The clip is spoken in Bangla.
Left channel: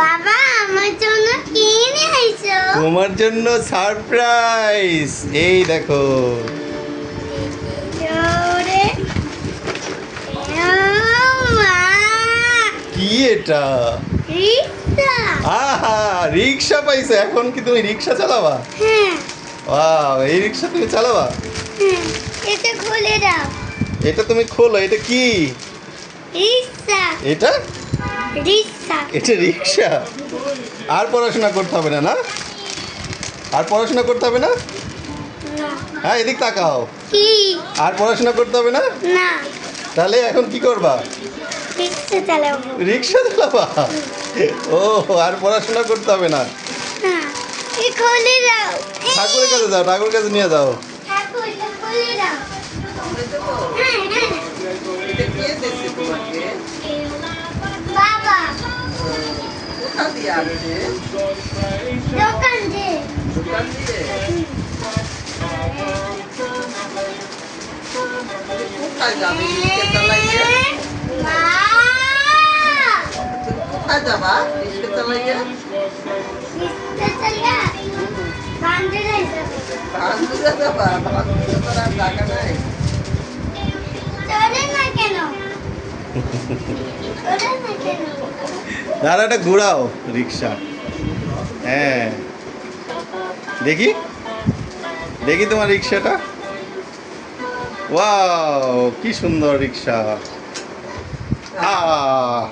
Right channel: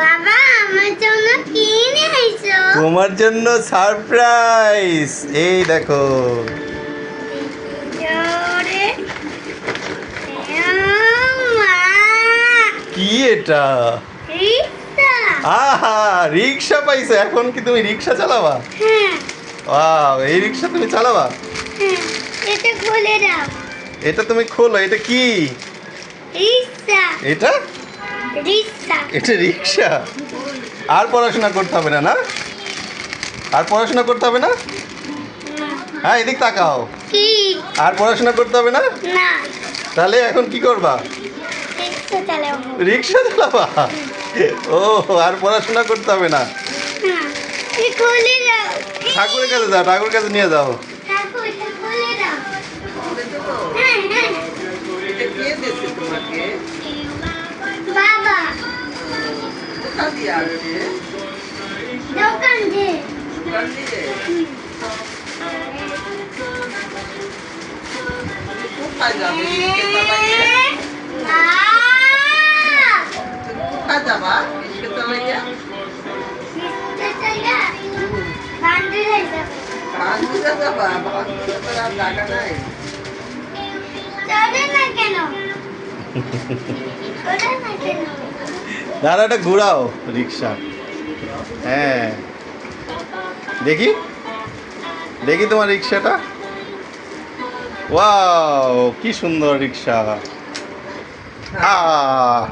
বাবা আমার জন্য কি নিয়ে এসো? তোমার জন্য সারপ্রাইজ। এই দেখো। জোরে মা কি এটা? রিক্সা। আহা, রিক্সা পাইছো। এখন কি তুমি রিক্সা চালাবা? হ্যাঁ ওয়াও, এই রিক্সা তুমি চালাবা? হ্যাঁ, এটা খুলে দাও। এটা তুমি খোলো। এটা কি? রিক্সা এটা রিক্সা। এটা রিক্সা। আর পড়াশোনা করতে হবে না, না? আর পড়াশোনা করতে হবে না? না। হ্যাঁ, এদিক তাকাও। কি? আর পড়াশোনা করতে হবে না? না, তাহলে এখন কি করবা? রিক্সা চালাবো। রিক্সা চালাবা? ও, আর পড়াশোনা করতে হবে না। হ্যাঁ, এই খুলে দাও। ঠাকুরের কাছে যাও, ঠাকুরের কাছে নিয়ে যাও। ঠাকুর, এটা খুলে দাও। হ্যাঁ, হ্যাঁ। কে দিয়েছে তোমাকে? বাবা কোথা দিয়ে আসছে? দোকান দে। দোকান দিয়ে? কোথায় যাবে? রিস্কে চালাইয়ে? মা তুমি কোথায় যাবা? রিস্কে চালাইয়ে? রিক্সা চালা বান্দরে যাব। বান্ধবীরা যাবা? বান্ধবীরা তো আর জায়গা নাই। চলে না কেন? চলে না কেন? দাঁড়া, এটা ঘুরাও রিক্সা। হ্যাঁ, দেখি দেখি তোমার রিক্সাটা। ওয়াও, কি সুন্দর রিক্সা। আ